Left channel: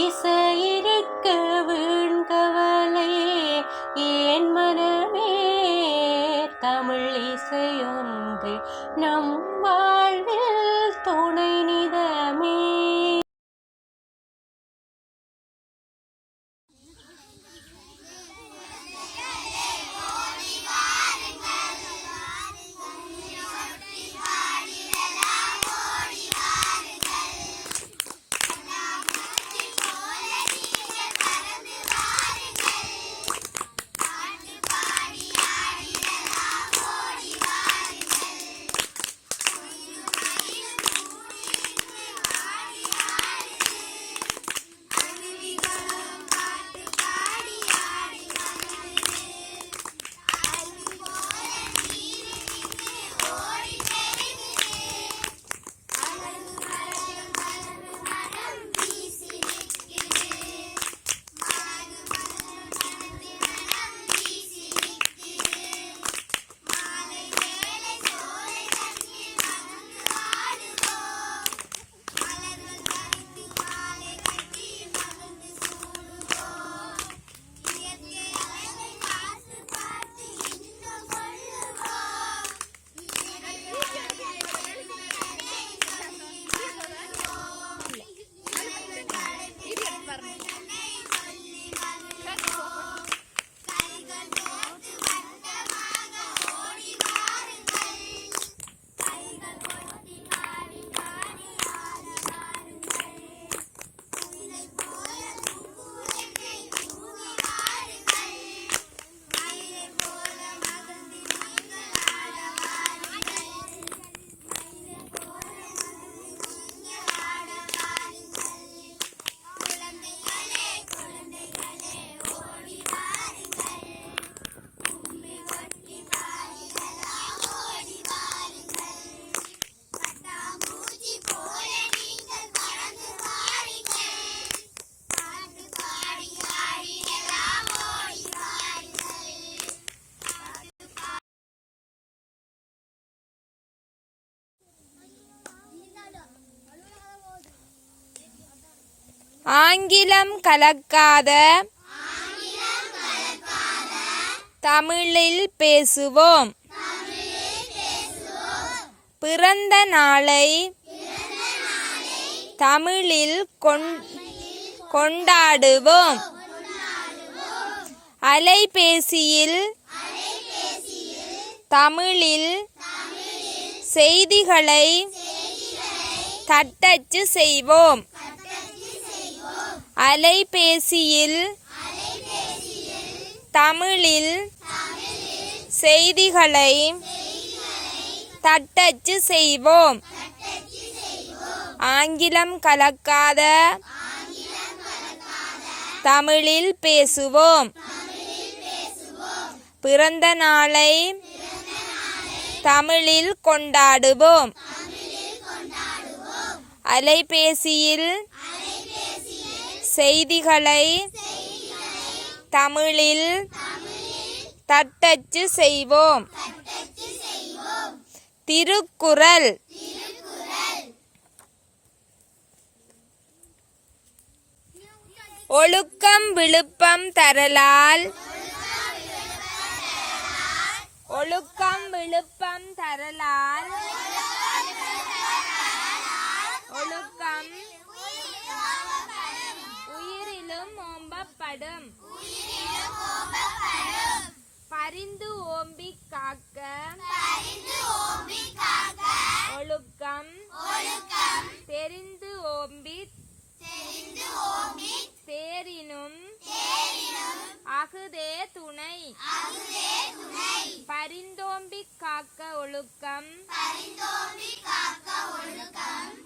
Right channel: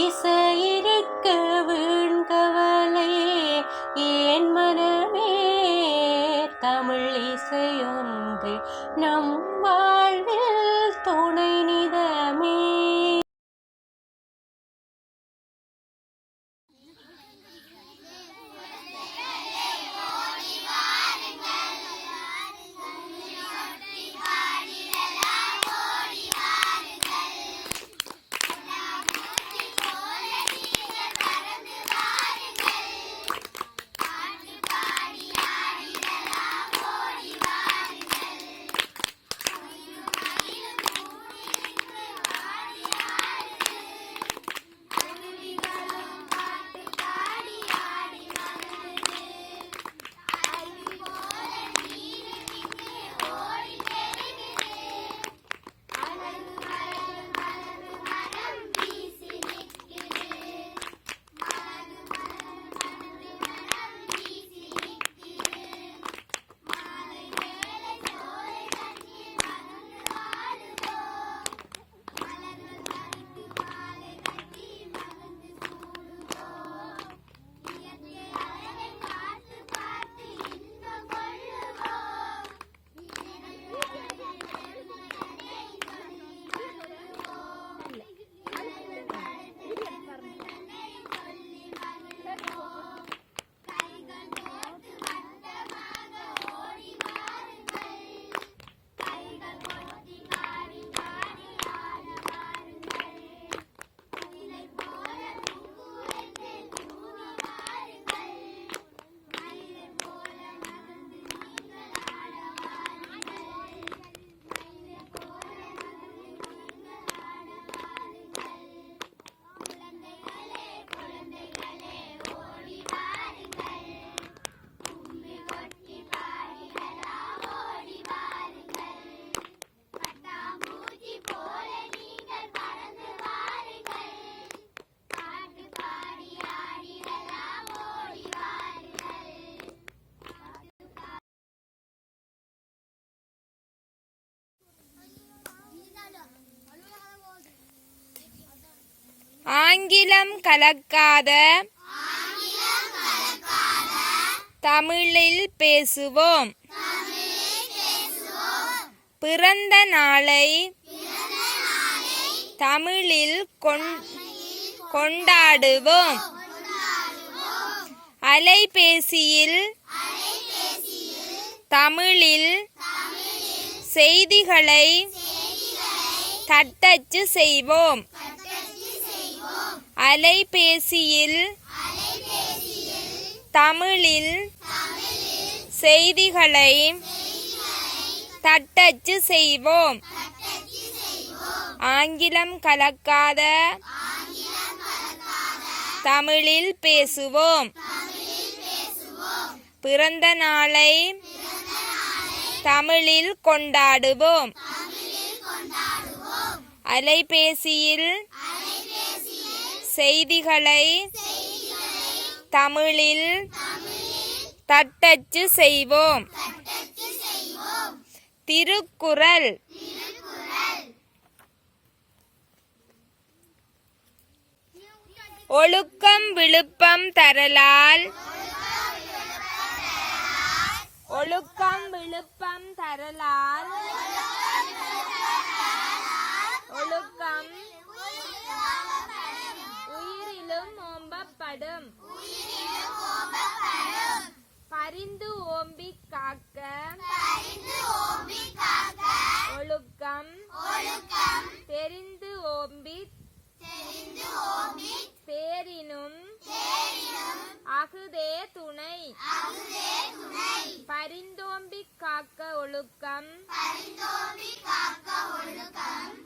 இசையிருக்க வீண்கவலை ஏன் மனமே தமிழ் இசையொன்று நம் வாழ்வில் துணை நிதமே. ஆங்கிலம் கலக்காத தமிழில் பேசுவோம். பிறந்த நாளை தமிழில் கொண்டாடுவோம். அலைபேசியில் தமிழில் செய்திகளை தட்டச்சு செய்வோம். அலைபேசியில் தமிழில் செய்திகளை தட்டச்சு செய்வோம். ஆங்கிலம் கலக்காத தமிழில் பேசுவோம். பிறந்த நாளை தமிழில் கொண்டாடுவோம். அலைபேசியில் செய்திகளை தமிழில் தட்டச்சு செய்வோம். திருக்குறள். ஒழுக்கம் விழுப்பம் தரலால் ஒழுக்கம் விழுப்பம் தரலால் ஒழுக்கம் உயிரிலும் ஓம்பப்படும். பரிந்து ஓம்பி காக்க ஒழுக்கம் தெரிந்து ஓம்பி தேரினும் அகுதே துணை. பரிந்தோம்பி காக்க ஒழுக்கம்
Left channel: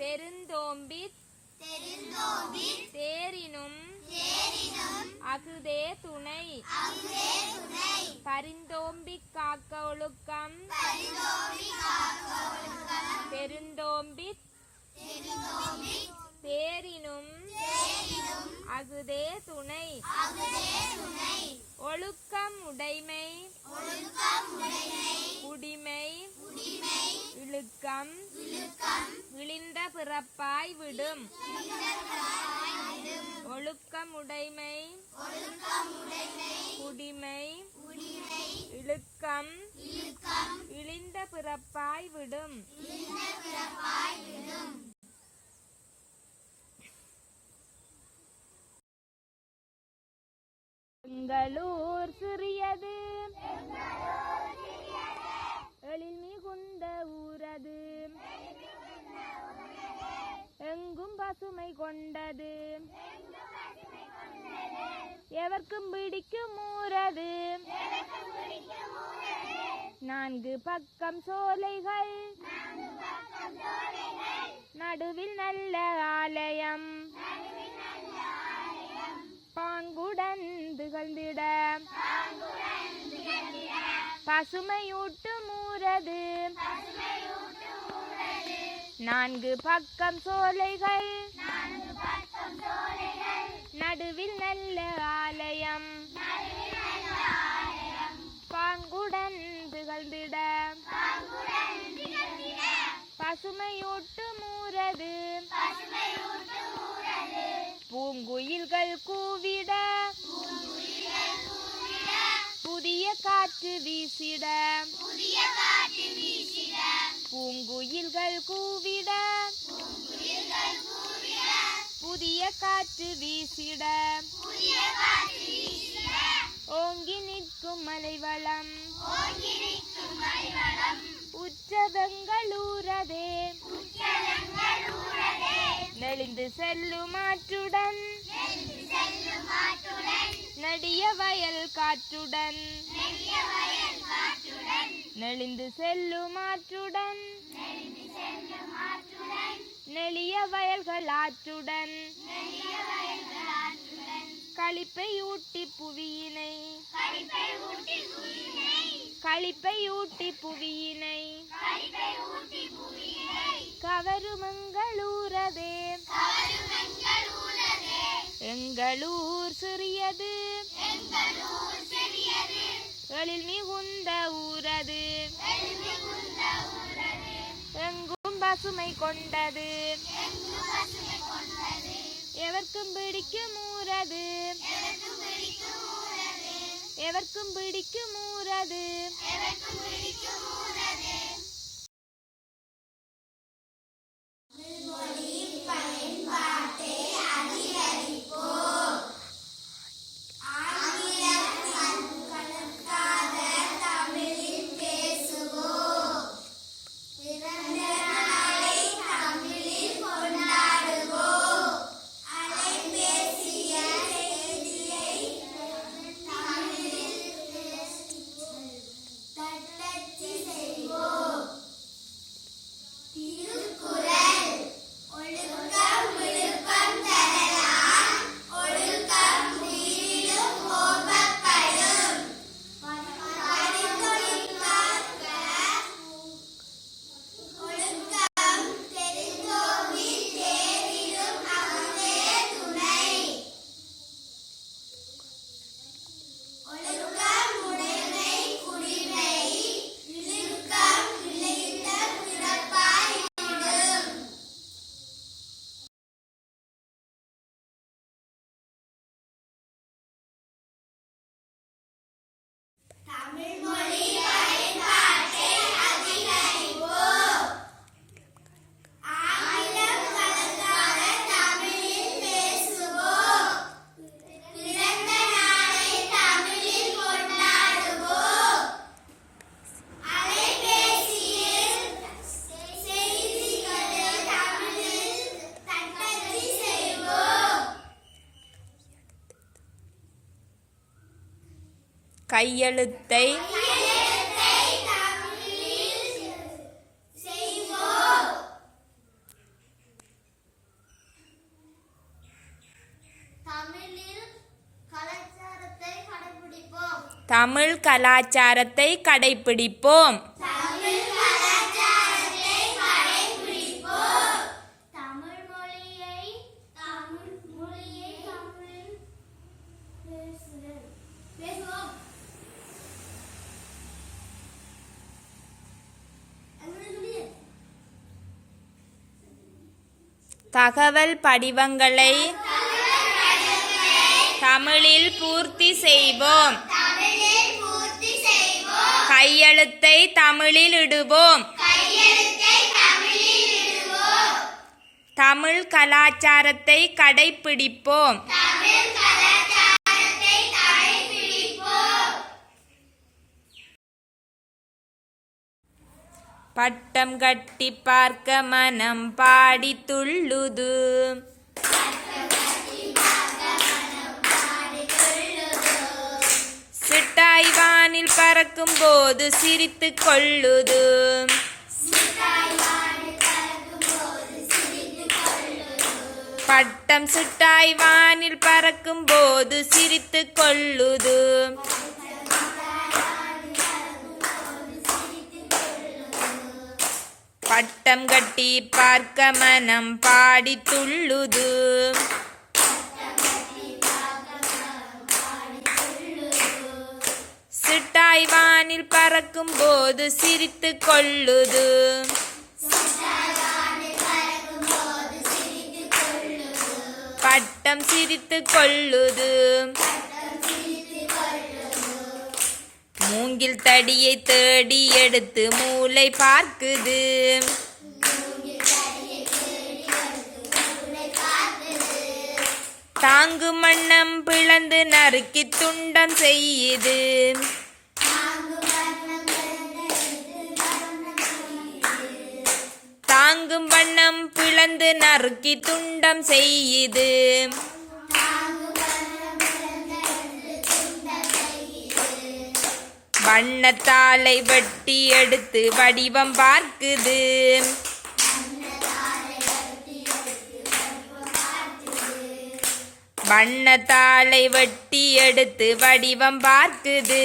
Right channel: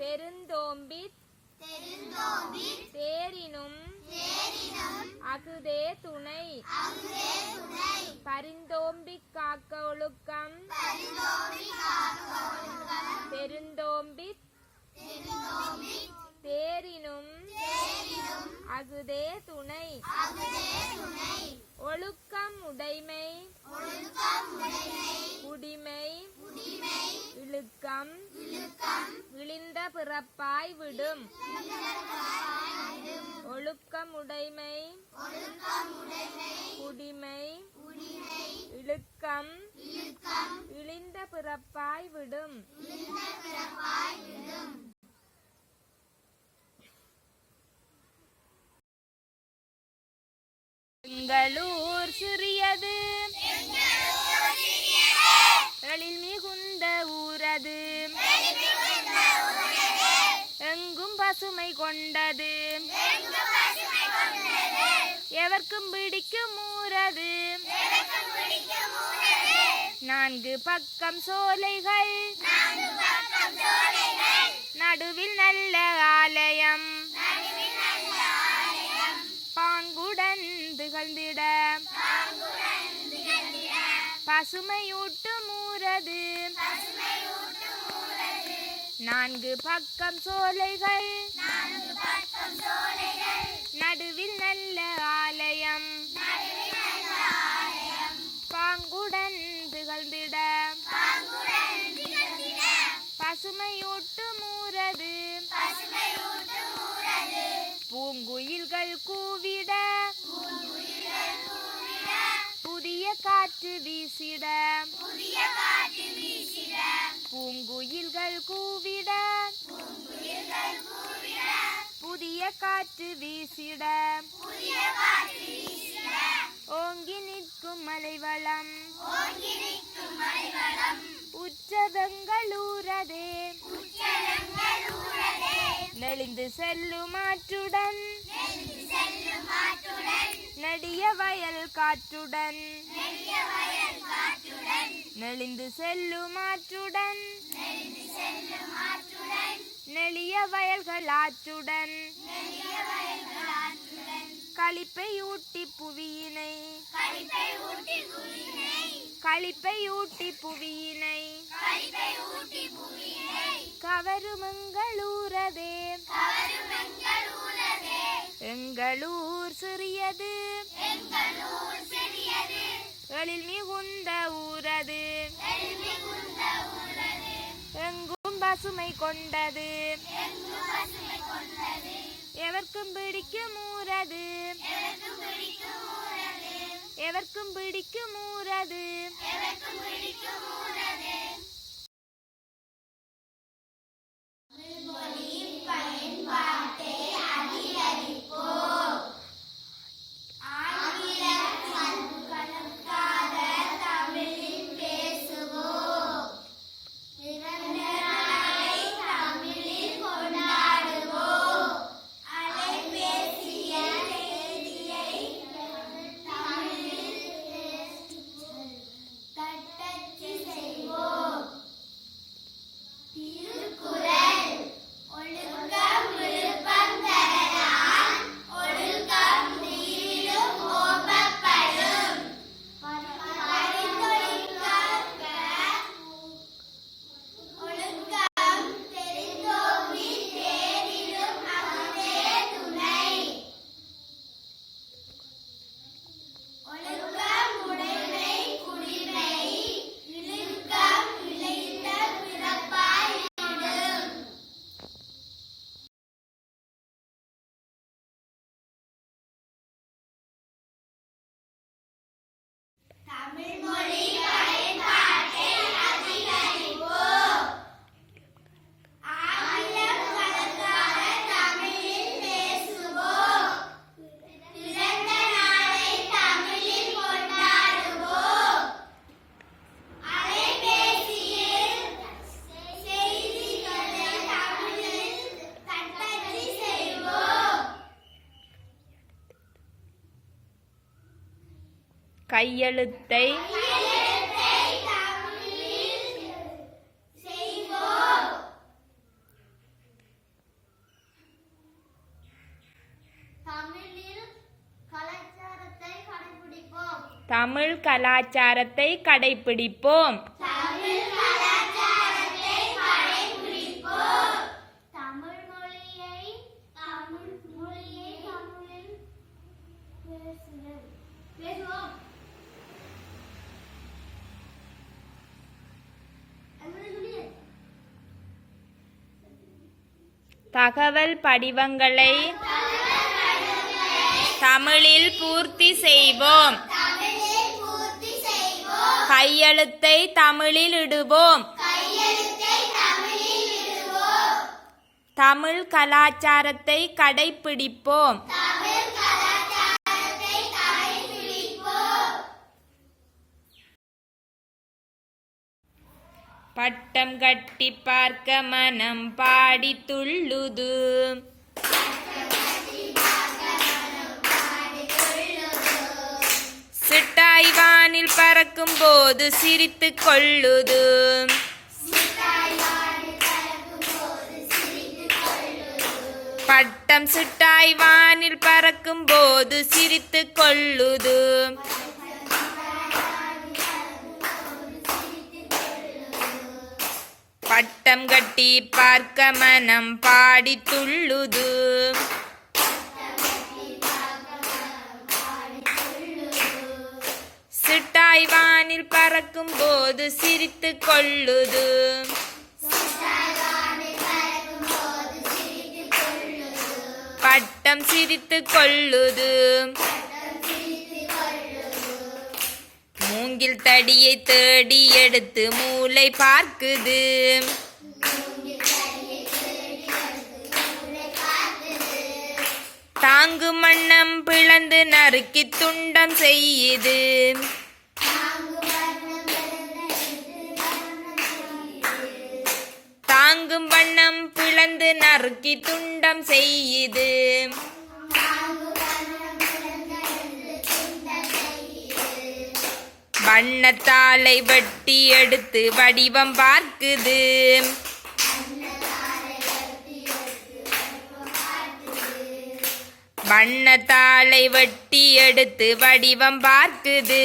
பெருந்தோம்பி தேரினும் அகுதே துணை. பரிந்தோம்பி காக்க ஒழுக்கம் பெருந்தோம்பி தேரினும் அகுதே துணை. ஒழுக்கம் உடைமை உடிமை இழுக்கம் விழிந்த பிறப்பாய் விடும். பிறப்பாய் விடும். எங்களூர் சிறியது எழில் மிகுந்த ஊரது, எங்கும் பசுமை கொண்டது, எவர்க்கும் பிடிக்கும் ஊரது. 4 பக்கம் சோலைகள், நடுவில் நல்ல ஆலயம், பாங்குடன் திகழ்ந்திட பசுமையூட்டும் ஊரது. 4 பக்கம் சோலைகள், நடுவில் நல்ல ஆலயம், பாங்குடன் திகழ்ந்திட பசுமையூட்டும் ஊரது. பூங்குயில்கள் கூவிட புதிய காற்று வீசிட, பூங்குயில்கள் கூவிட புதிய காற்று வீசிட, ஓங்கி நிற்கும் மலைவளம் உச்சதங்களூரதே. நெளிந்து செல்லும் ஆற்றுடன் நெடிய வயல் காற்றுடன், நெளிந்து செல்லும் ஆற்றுடன் நெளிய வயல்கள் ஆற்றுடன், களிப்பை ஊட்டி புவியினை கவருமங்களூரதே. எங்களூர் சிறியது எழில் மிகுந்த ஊரது, எங்கும் பசுமை கொண்டது, எவர்க்கும் பிடிக்கும் ஊரது. கையெழுத்தை தமிழ் கலாச்சாரத்தை கடைபிடிப்போம். தகவல் படிவங்களை தமிழில் பூர்த்தி செய்வோம். கையெழுத்தை தமிழில் இடுவோம். தமிழ் கலாச்சாரத்தை கடைப்பிடிப்போம். பட்டம் கட்டி பார்க்க மனம் பாடி துள்ளுது. சிட்டாய் வானில் பறக்கும் போது சிரித்து கொள்ளுது. பட்டம் சிட்டாய் வானில் பறக்கும் போது சிரித்து கொள்ளுது. பட்டம் கட்டி பார்க்க மனம் பாடி துள்ளுது. சிட்டாய் வானில் பறக்கும் போது சிரித்து கொள்ளுது. பட்டம் சிரித்து கொள்ளுது. மூங்கில் தடியை தேடி எடுத்து மூளை பார்க்குது. தாங்கு மண்ணம் பிளந்து நறுக்கி துண்டம் செய்யுது. தாங்கும் வண்ணம் பிளந்து நறுக்கி துண்டம் செய்யுது. வண்ணத்தாளை வெட்டி எடுத்து வடிவம் பார்க்குது. வண்ணத்தாளை வெட்டி எடுத்து வடிவம் பார்க்குது.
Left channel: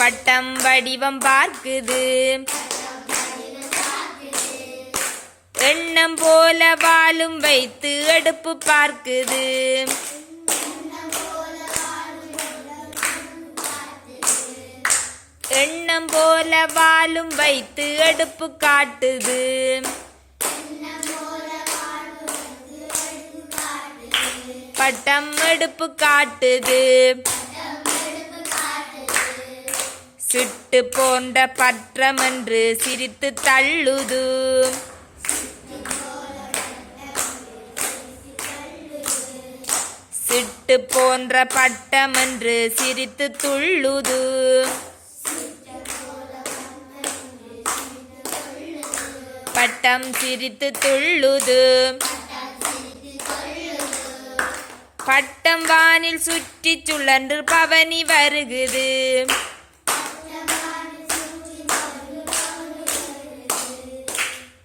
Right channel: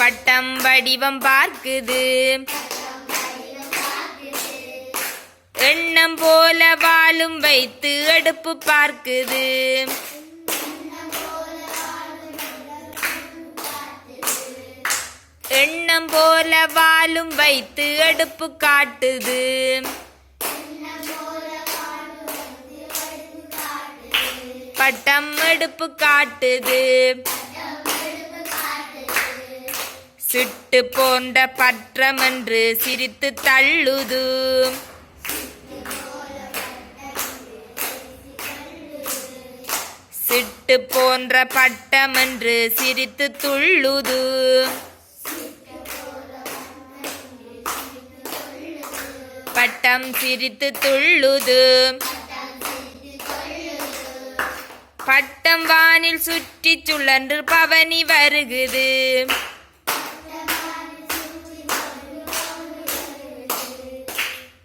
பட்டம் வடிவம் பார்க்குது. எண்ணம் போல வாளும் வைத்து அடுப்பு பார்க்குது. எண்ணம் போல வாளும் வைத்து அடுப்பு காட்டுது. பட்டம் அடுப்பு காட்டுது. சிட்டு போன்ற பற்றம் என்று சிரித்து தள்ளுது. சிட்டு போன்ற பட்டம் என்று சிரித்து துள்ளுது. பட்டம் சிரித்து துள்ளுது. பட்டம் வானில் சுற்றி சுழன்று பவனி வருகுது.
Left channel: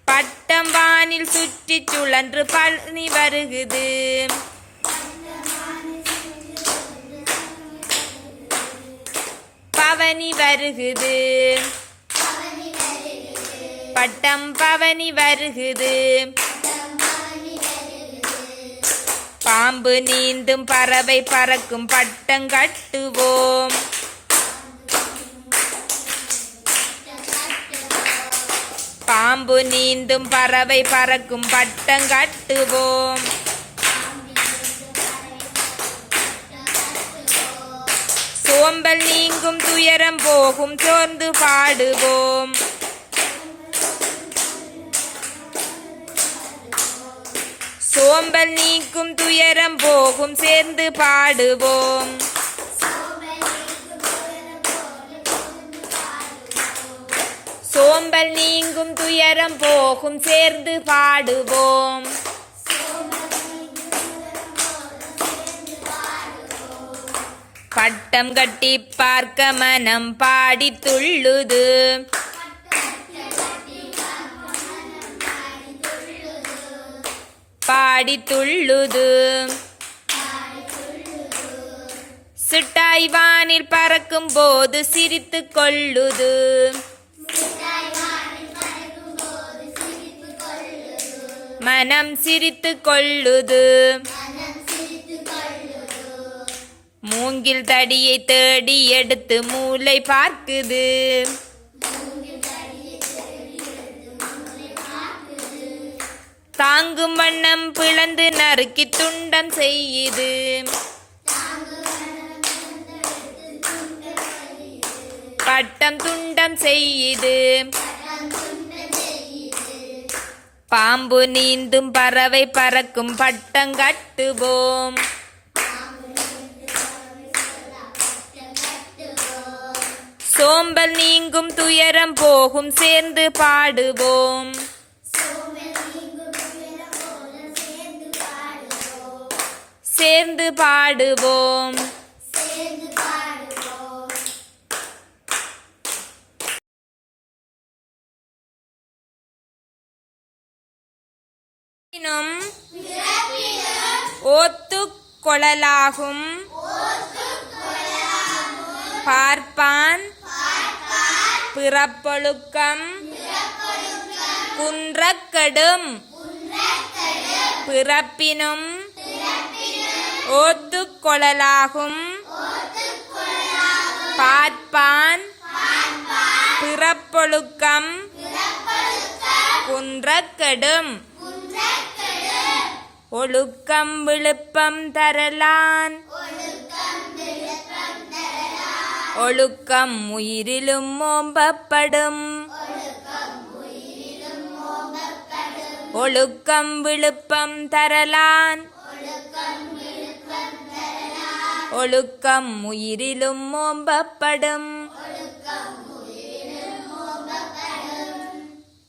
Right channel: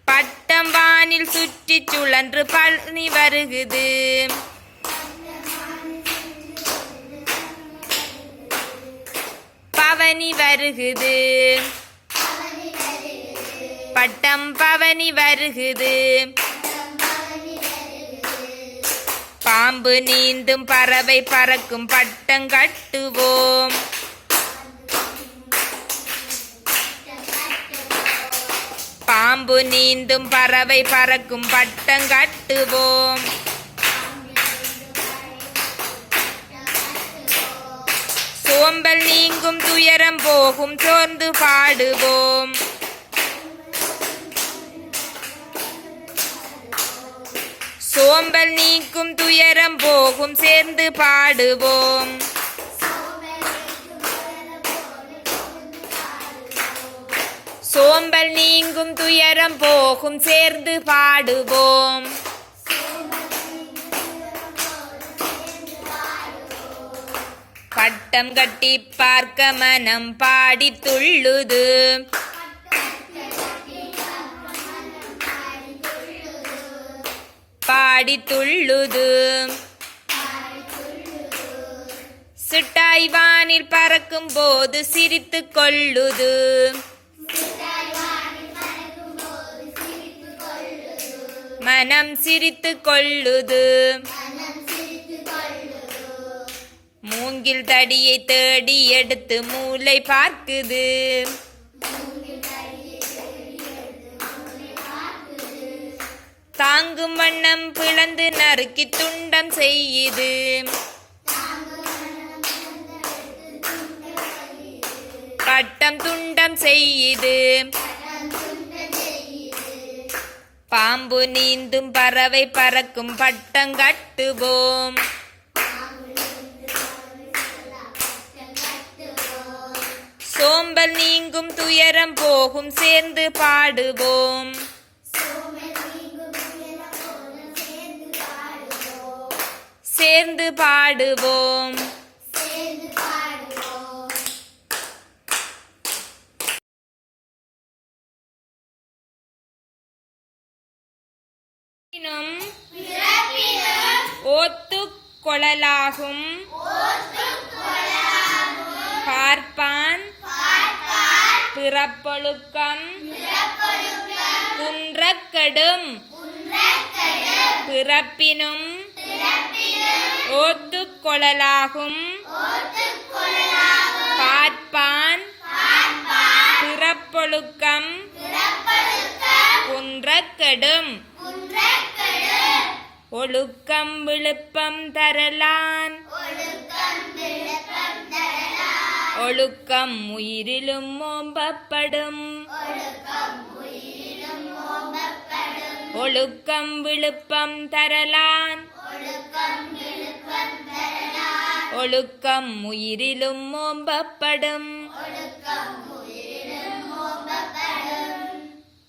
பட்டம் வானில் சுற்றி சுழன்று பவனி வருகுது. பவனி வருகுது. பட்டம் பவனி வருகுது. பாம்பு நீந்தும் பறவை பறக்கும் பட்டம் கட்டுவோம். பாம்பு நீந்தும் பறவை பறக்கும் பட்டம் கட்டுவோம். சோம்பல் நீங்கும் துயரம் போகும் சோர்ந்து பாடுவோம். சோம்பல் நீக்கும் துயரம் போகும் சேர்ந்து பாடுவோம். சோம்பல் நீங்கும் துயரம் போகும் சேர்ந்து பாடுவோம். பட்டம் கட்டி பார்க்க மனம் பாடி துள்ளுது. பாடி துள்ளுது. சிட்டாய் வானில் பறக்கும் போது சிரித்து கொள்ளுது. மனம் சிரித்து கொள்ளுது. மூங்கில் தடியை தேடி எடுத்து மூளை பார்க்குது. தாங்கும் வண்ணம் பிளந்து நறுக்கி துண்டம் செய்யுது. பட்டம் துண்டம் செய்யுது. பாம்பு நீந்தும் பறவை பறக்கும் பட்டம் கட்டுவோம். சோம்பல் நீங்கும் துயரம் போகும் சேர்ந்து பாடுவோம். சேர்ந்து பாடுவோம். ஓத்துக் கொளலாகும் பார்ப்பான் பிறப்பொழுக்கம் குன்றக்கெடும். பிறப்பினும் ஓத்துக் கொளலாகும் பார்ப்பான் பிறப்பொழுக்கம் குன்றக்கெடும். ஒழுக்கம் விழுப்பம் தரலான். ஒழுக்கம் உயிரிலும் ஓம்பப்படும். ஒழுக்கம் விழுப்பம் தரலான். ஒழுக்கம் உயிரிலும் ஓம்பப்படும்.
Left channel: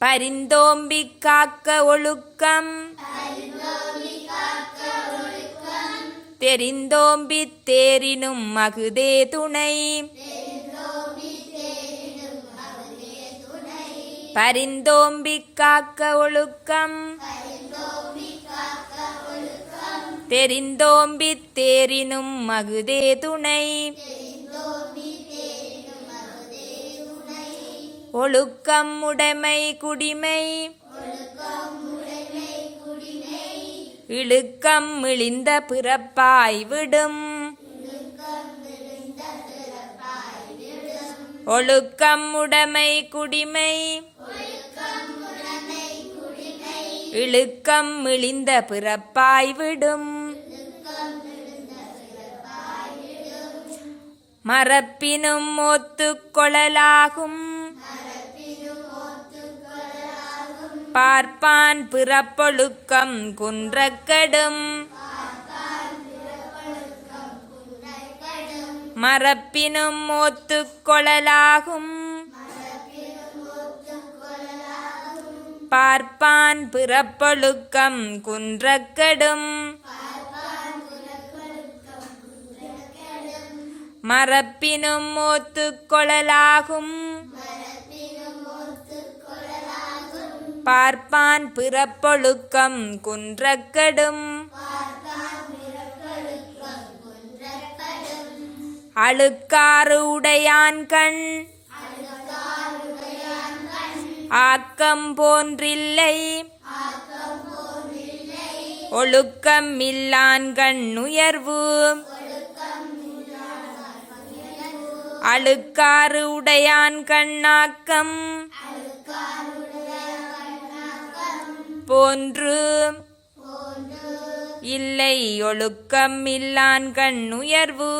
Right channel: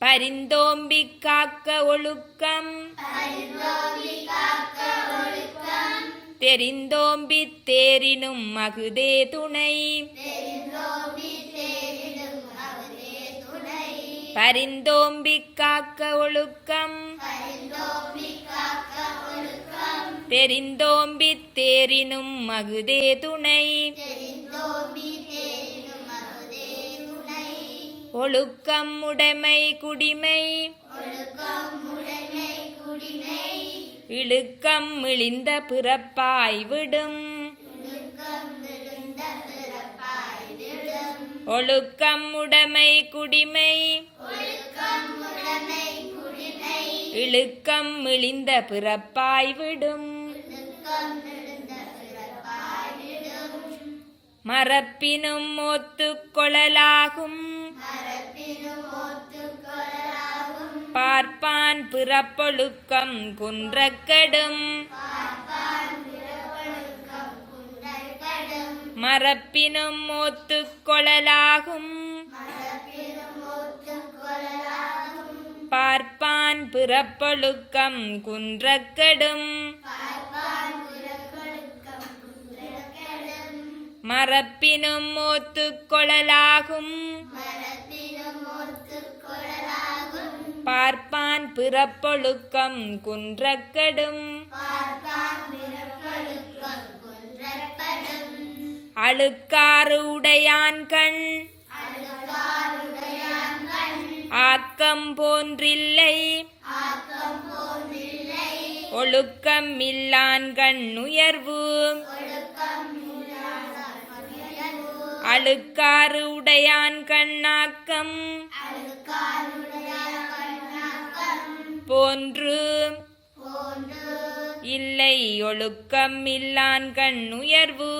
பரிந்தோம்பி காக்க ஒழுக்கம் தெரிந்தோம்பி தேரினும் மகுதே துணை. பரிந்தோம்பி காக்க ஒழுக்கம் தெரிந்தோம்பி தேரினும் மகுதே துணை. ஒழுக்கம் உடைமை குடிமை இழுக்கம் இழிந்த பிறப்பாய் விடும். ஒழுக்கம் உடைமை குடிமை இழுக்கம் இழிந்த பிறப்பாய் விடும். மறப்பினும் ஒத்துக் கொளலாகும் பார்ப்பான் பிறப்பொழுக்கம் குன்றக்கெடும். மறப்பினும் ஒத்துக் கொளலாகும் பார்ப்பான் பிறப்பொழுக்கம் குன்றக்கெடும். மறப்பினும் ஒத்துக் கொளலாகும் பார்ப்பான் பிறப்பொழுக்கம் குன்றக்கெடும். அழுக்காறு உடையான் கண் ஆக்கம் போன்றில்லை. ஒழுக்கம் இல்லான் கண் உயர்வு. அழுக்காறு உடையான் கண்ணாக்கம் போன்று இல்லை. ஒழுக்கம் இல்லான் கண் உயர்வு.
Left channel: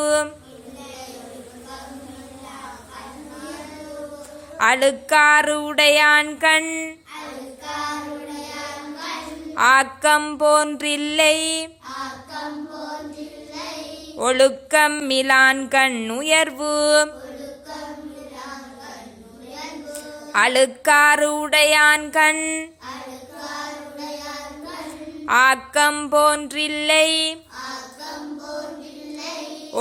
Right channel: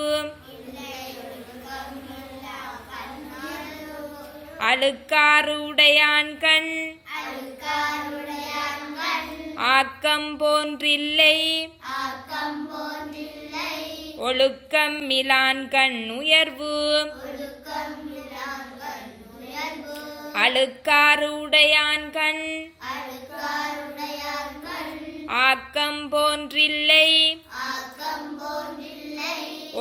அழுக்காறு உடையான் கண் ஆக்கம் போன்றில்லை. ஒழுக்கம் இலான் கண் உயர்வு. அழுக்காறு உடையான் கண் ஆக்கம் போன்றில்லை.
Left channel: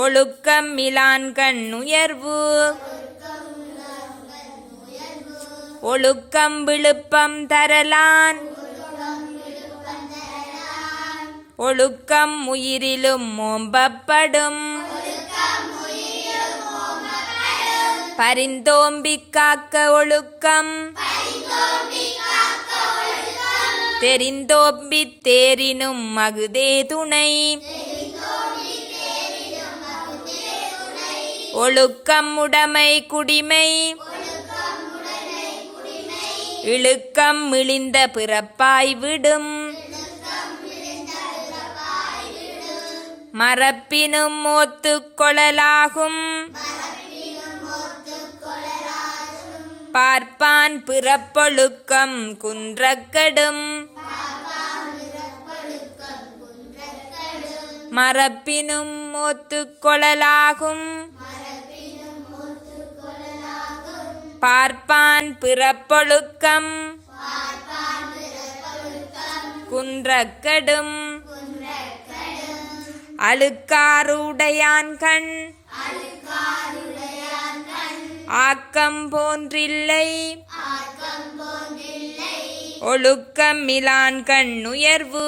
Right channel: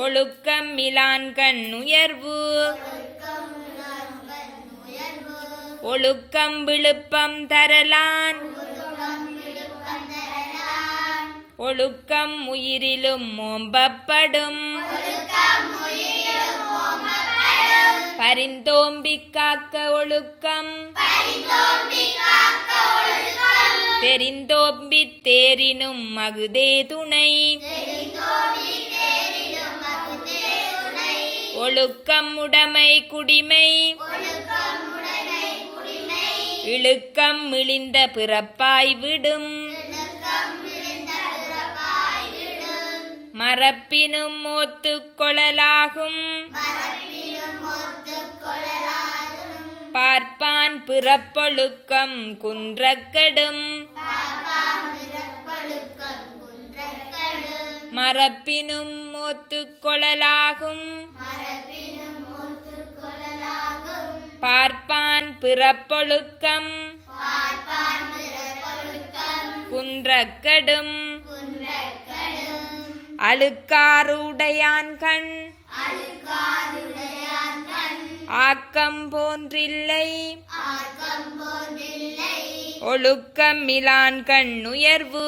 ஒழுக்கம் இலான் கண் உயர்வு. ஒழுக்கம் விழுப்பம் தரலான். ஒழுக்கம் உயிரிலும் ஓம்பப்படும். பரிந்தோம்பி காக்க ஒழுக்கம் தெரிந்தோம்பி தேரினும் மகுதே துணை. ஒழுக்கம் உடைமை குடிமை இழுக்கம் இழிந்த பிறப்பாய் விடும். மறப்பினும் ஒத்துக் கொளலாகும் பார்ப்பான் பிறப்பொழுக்கம் குன்றக்கெடும் மரப்பினும் ஒத்துக்கொள்ளலாகும் பார்ப்பான் பிறப்பொழுக்கம் குன்றக்கெடும் அழுக்காறுடையான்கண் ஆக்கம் போன்றில்லை ஒழுக்கமிலான்கண் உயர்வு